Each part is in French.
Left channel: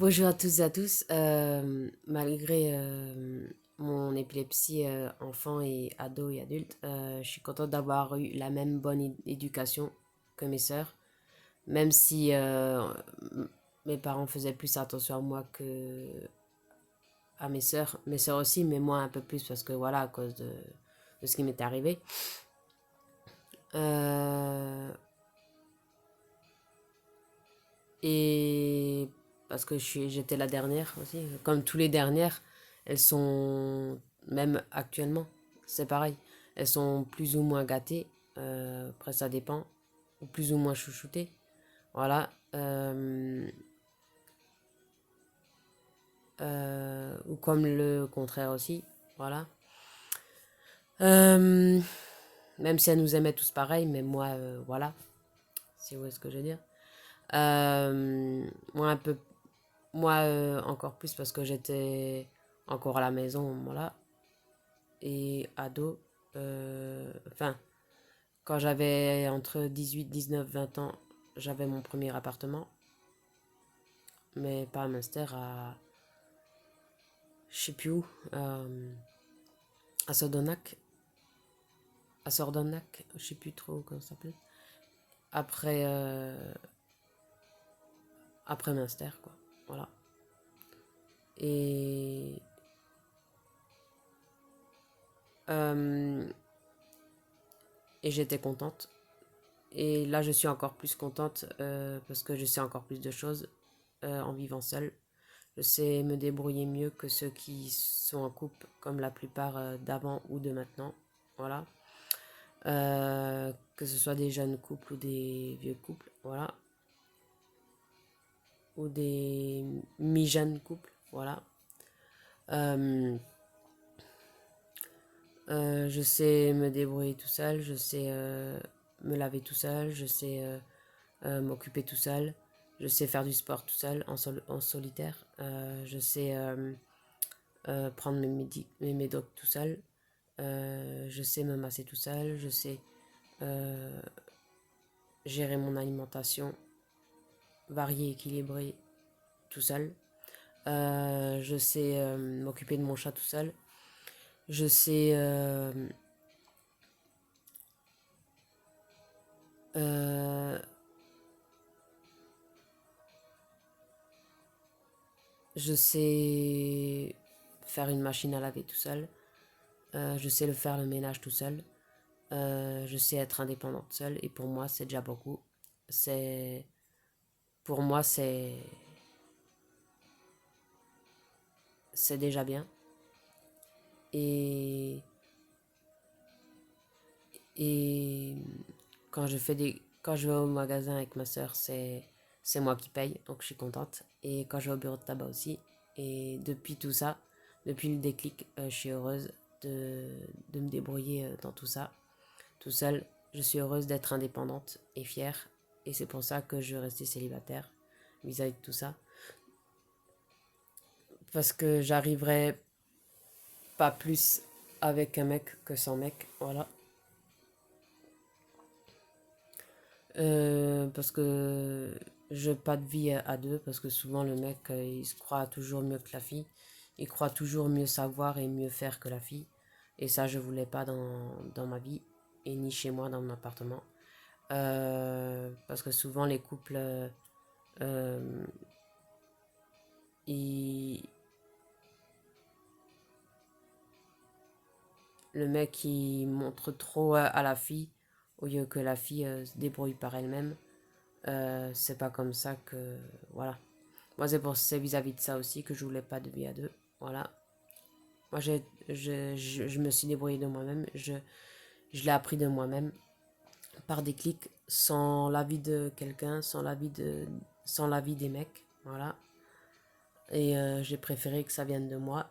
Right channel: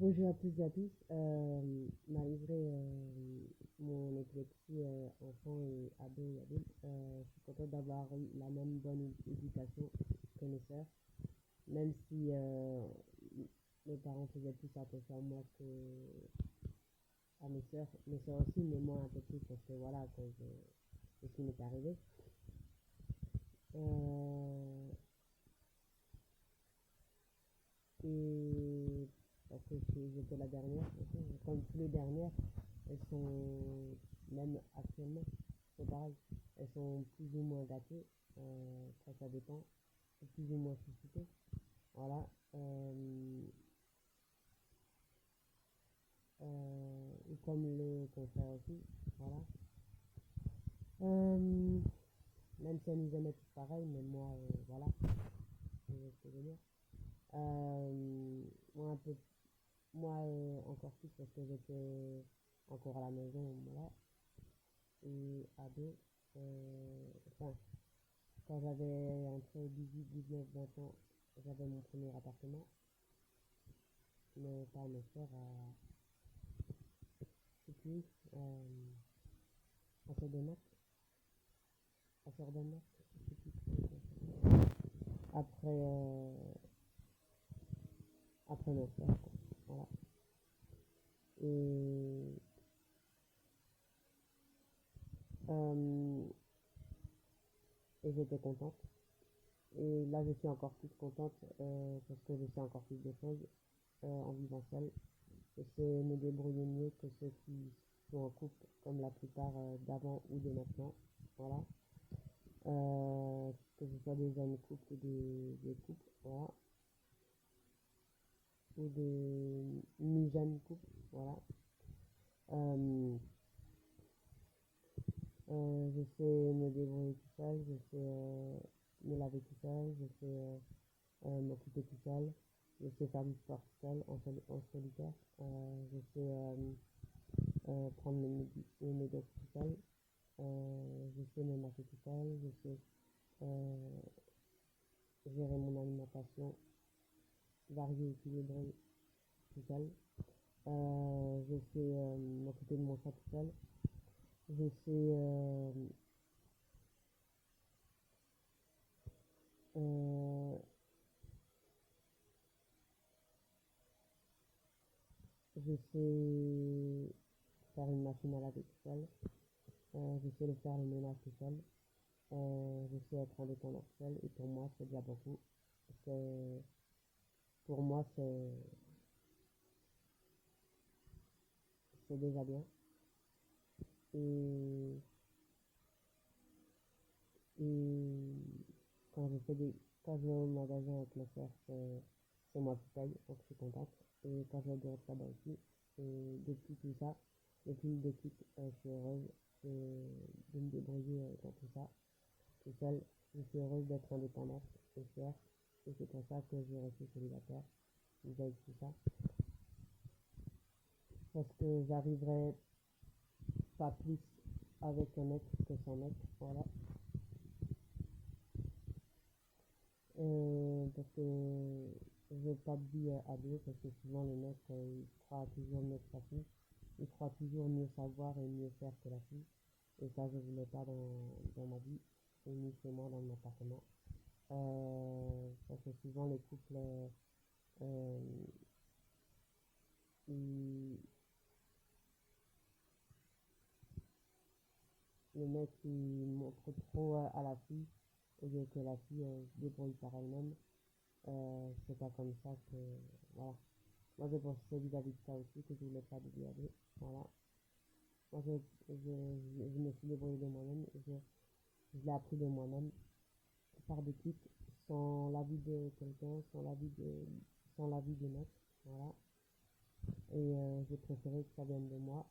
Bonjour à tous et à tous. Malgré mon épilepsie enfant et ado et adulte, je suis contente d'avoir eu la même bonne éducation que mes sœurs, même si mes parents faisaient plus attention à moi que à mes sœurs. Mes sœurs aussi, mais moi un peu plus parce que voilà, à cause de ce qui m'était arrivé. Euh, et parce que j'étais la dernière aussi. Comme tous les dernières, elles sont, même actuellement, c'est pareil. Elles sont plus ou moins gâtées, après ça dépend, ou plus ou moins chouchoutées. Voilà. Ou comme le contraire aussi. Voilà. Euh, Même si elles nous aimaient tous pareil, mais moi, voilà. Si vous voyez ce que je veux dire. Moi, un peu Moi, encore plus parce que j'étais encore à la maison au moment-là. Et ado, enfin, quand j'avais entre 18, 19, 20 ans, j'avais mon premier appartement. Mais pas à Münster, je sais plus où, à Sordonac. À Sordonac, je sais plus trop comment ça s'appelle. Après, après Münster, quoi. Voilà. Et, euh, et j'étais contente. Et là, je suis encore plus contente parce que je sais encore plus de choses en vivant seule. Je sais me débrouiller mieux que ceux qui sont en couple, comme la plupart d'avant ou de maintenant. Voilà. Que ce soit des jeunes couples ou des vieux couples. Voilà. Ou des mi-jeunes couples. Voilà. Euh, je sais me débrouiller tout seul. Je sais me laver tout seul. Je sais m'occuper tout seul. Je sais faire du sport tout seul, en solitaire. Je sais prendre mes médocs tout seul. Je sais me masser tout seul. Je sais euh, gérer mon alimentation variée, équilibrée tout seul. Je sais m'occuper de mon chat tout seul. Je sais euh, je sais faire une machine à laver tout seul. Je sais faire le ménage tout seul. Je sais être indépendante seule et pour moi c'est déjà beaucoup. C'est Pour moi c'est déjà bien et et quand je vais au magasin avec ma soeur, c'est moi qui paye, donc je suis contente. Et quand je vais au bureau de tabac aussi. Et depuis tout ça, depuis le déclic, je suis heureuse de me débrouiller dans tout ça, tout seul. Je suis heureuse d'être indépendante et fière. Et c'est pour ça que je veux rester célibataire vis-à-vis de tout ça. Parce que j'arriverai pas plus avec un mec que sans mec. Voilà. Parce que je pas de vie à deux, parce que souvent le mec il se croit toujours mieux que la fille, il croit toujours mieux savoir et mieux faire que la fille, et ça je voulais pas dans ma vie, et ni chez moi dans mon appartement. Parce que souvent les couples, euh, ils- le mec il montre trop à la fille, au lieu que la fille se débrouille par elle-même. C'est pas comme ça que. Voilà. Moi, c'est vis-à-vis de ça aussi que je voulais pas de vie à deux. Voilà. Moi, je me suis débrouillée de moi-même. Je l'ai appris de moi-même par des clics, sans l'avis de quelqu'un, sans l'avis des mecs. Voilà. Et j'ai préféré que ça vienne de moi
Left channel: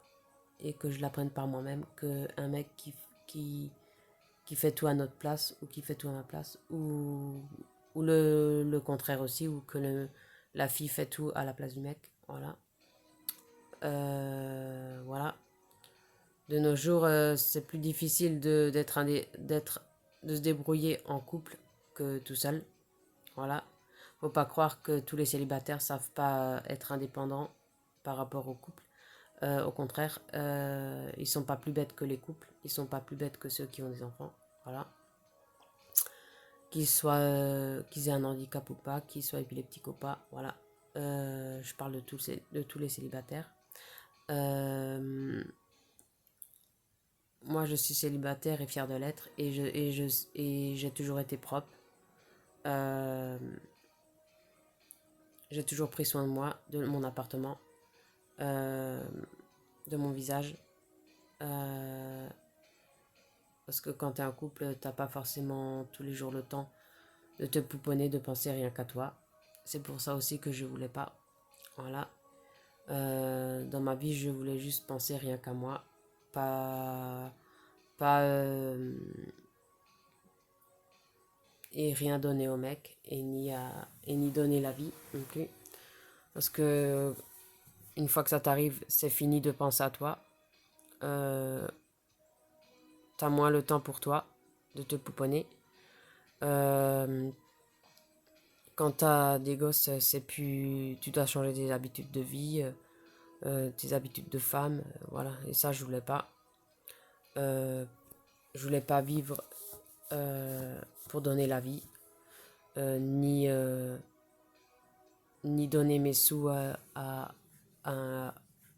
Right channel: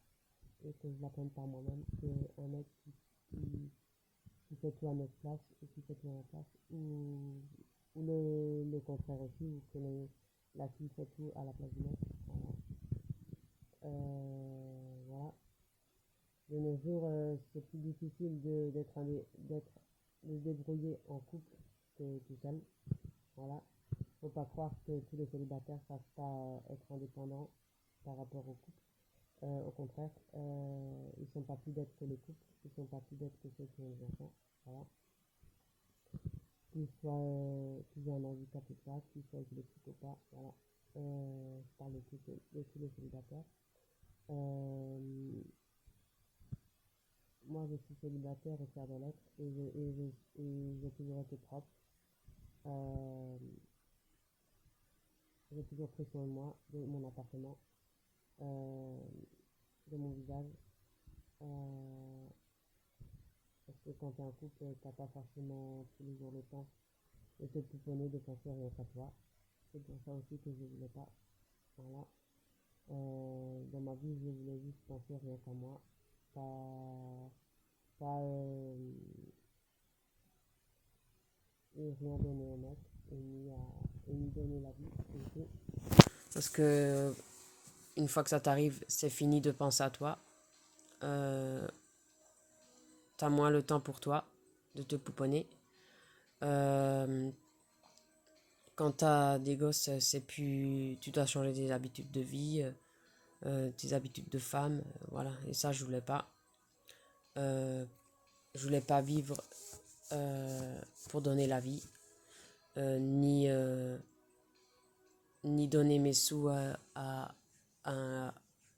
et que je l'apprenne par moi-même qu'un mec qui, qui fait tout à notre place ou qui fait tout à ma place ou le contraire aussi, ou que la fille fait tout à la place du mec. Voilà. Voilà. De nos jours, c'est plus difficile de se débrouiller en couple que tout seul. Voilà. Faut pas croire que tous les célibataires savent pas être indépendants par rapport au couple. Au contraire, ils sont pas plus bêtes que les couples. Ils sont pas plus bêtes que ceux qui ont des enfants. Voilà. Qu'ils aient un handicap ou pas, qu'ils soient épileptiques ou pas. Voilà. Je parle de tous les célibataires. Moi, je suis célibataire et fière de l'être. Et j'ai toujours été propre. Euh, j'ai toujours pris soin de moi, de mon appartement, euh, de mon visage. Euh, parce que quand t'es un couple, t'as pas forcément tous les jours le temps de te pouponner, de penser rien qu'à toi. C'est pour ça aussi que je voulais pas. Voilà. Dans ma vie, je voulais juste penser rien qu'à moi. Pas. Pas. Et rien donner au mec. Et ni donner la vie non plus. Parce que une fois que ça t'arrive, c'est fini de penser à toi. Euh, T'as moins le temps pour toi de te pouponner. Euh, Quand t'as des gosses, c'est plus. Tu dois changer tes habitudes de vie, tes habitudes de femme, voilà. Et ça, je voulais pas. Euh, je voulais pas vivre pour donner la vie, ni donner mes sous à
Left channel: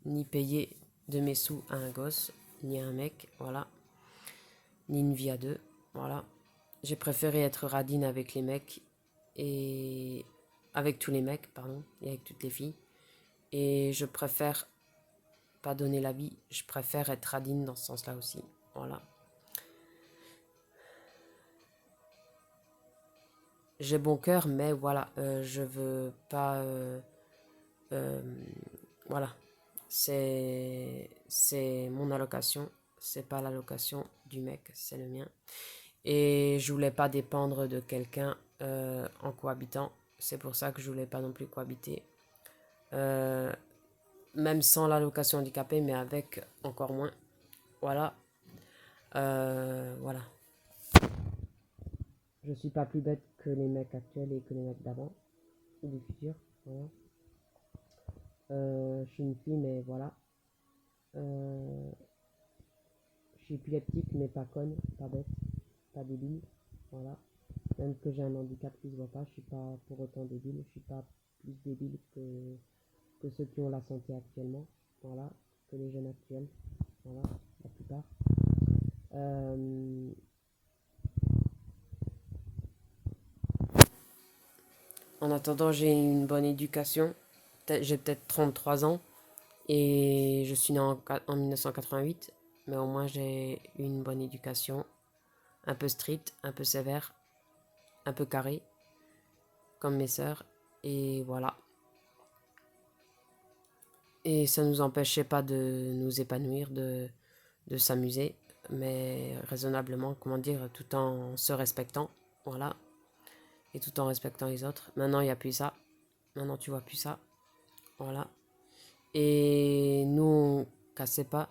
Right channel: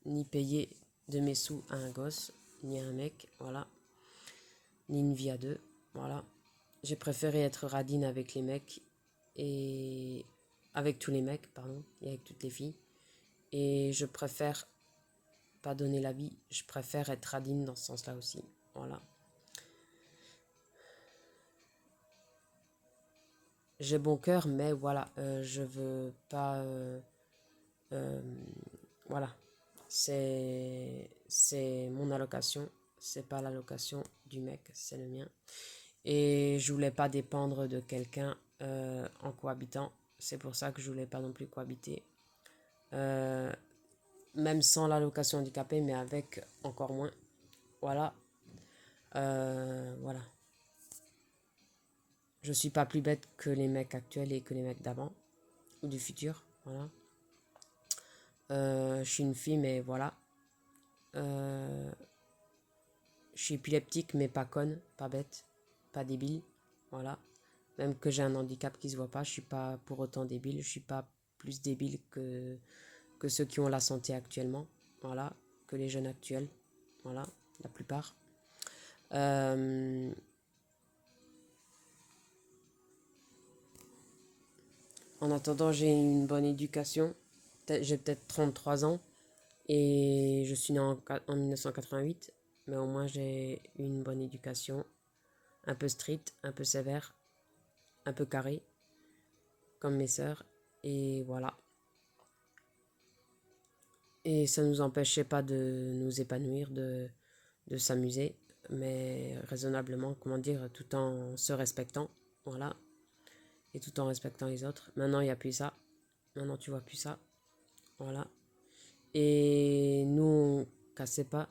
ni payer de mes sous à un gosse, ni à un mec, voilà. Ni une vie à deux, voilà. J'ai préféré être radine avec les mecs et avec tous les mecs, pardon, et avec toutes les filles. Et je préfère pas donner la vie, je préfère être radine dans ce sens-là aussi. Voilà. J'ai bon cœur, mais voilà, je veux pas. Euh, voilà. C'est mon allocation, c'est pas l'allocation du mec, c'est le mien. Et je voulais pas dépendre de quelqu'un en cohabitant. C'est pour ça que je voulais pas non plus cohabiter. Euh, Même sans l'allocation handicapée, mais avec encore moins. Voilà. Voilà. Je suis pas plus bête que les mecs actuels et que les mecs d'avant. Ou du futur. Voilà. Je suis une fille, mais voilà. Euh, je suis épileptique, mais pas conne, pas bête, pas débile. Voilà. Même que j'ai un handicap qui se voit pas, je suis pas pour autant débile. Je suis pas plus débile que ceux qui ont la santé actuellement. Voilà. Que les jeunes actuels. Voilà. La plupart. Euh, En attendant, j'ai une bonne éducation. J'ai peut-être 33 ans et je suis né en 1988, mais au moins j'ai une bonne éducation, un peu stricte, un peu sévère, un peu carrée, comme mes sœurs, et voilà. Et ça ne nous empêchait pas de nous épanouir, de s'amuser, mais raisonnablement, comment dire, tout en se respectant, voilà, et tout en respectant les autres. Maintenant, il n'y a plus ça. Maintenant, tu vois plus ça, voilà. Et nous, on cassait pas.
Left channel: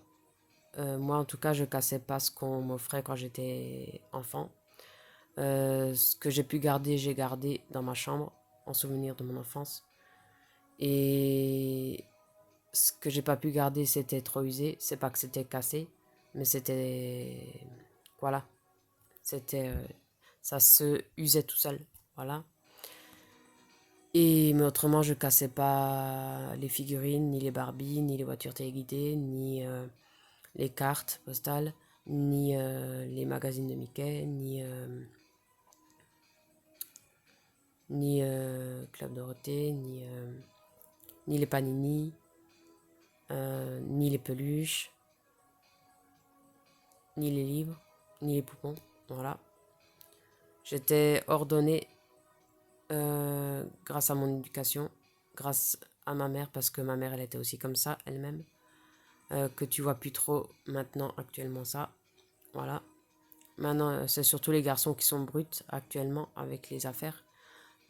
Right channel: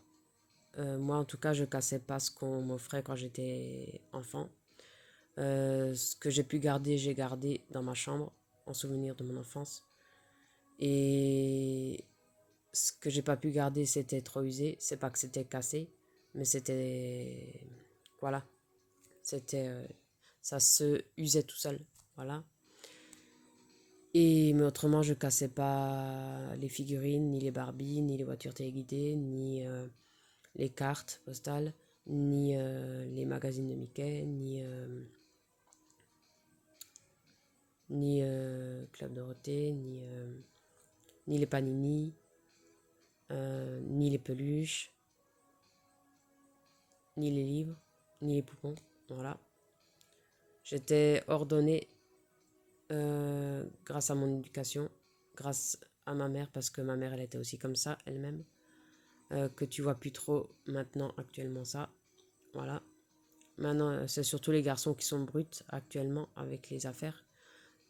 Moi, en tout cas, je cassais pas ce qu'on m'offrait quand j'étais enfant. Ce que j'ai pu garder, j'ai gardé dans ma chambre, en souvenir de mon enfance. Et ce que j'ai pas pu garder, c'était trop usé. C'est pas que c'était cassé, mais c'était. Voilà. C'était. Ça se usait tout seul. Voilà. Et mais autrement, je cassais pas les figurines, ni les Barbies, ni les voitures téléguidées, ni les cartes postales, ni les magazines de Mickey, ni Club Dorothée, ni les panini, ni les peluches, ni les livres, ni les poupons. Voilà. J'étais ordonnée grâce à mon éducation, grâce à ma mère, parce que ma mère, elle était aussi comme ça, elle-même. Que tu vois plus trop maintenant, actuellement, ça. Voilà. Maintenant, c'est surtout les garçons qui sont bruts actuellement avec les affaires.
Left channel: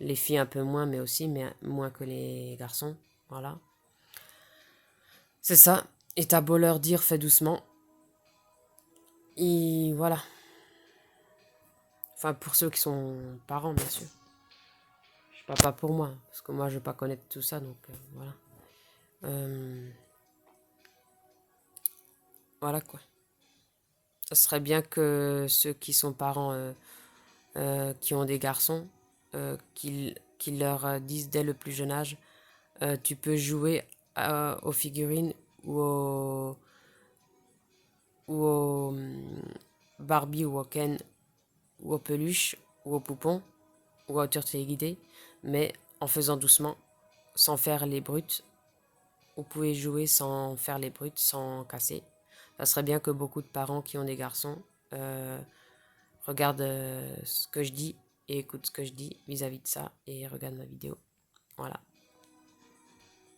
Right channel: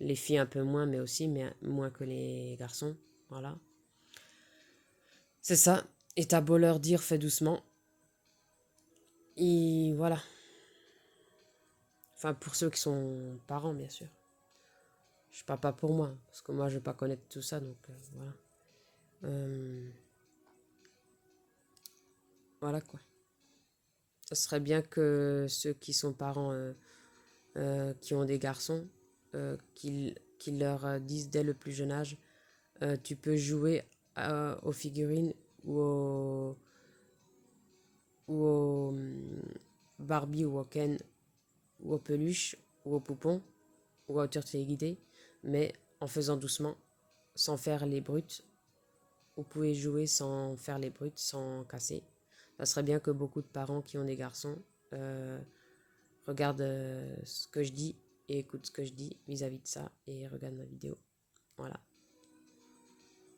Les filles un peu moins, mais aussi, mais moins que les garçons. Voilà. C'est ça. Et t'as beau leur dire, fais doucement. Et voilà. Enfin, pour ceux qui sont parents, bien sûr. parle pas pour moi, parce que moi je vais pas connaître tout ça, donc voilà. Voilà quoi. Ça serait bien que ceux qui sont parents, qui ont des garçons, qu'ils leur disent dès le plus jeune âge, tu peux jouer aux figurines ou aux Barbie ou au Ken ou aux peluches ou aux poupons ou aux voitures téléguidées, mais en faisant doucement, sans faire les brutes. Vous pouvez jouer sans faire les brutes, sans casser. Ça serait bien que beaucoup de parents qui ont des garçons regardent ce que je dis et écoutent ce que je dis vis-à-vis de ça et regardent ma vidéo. Voilà.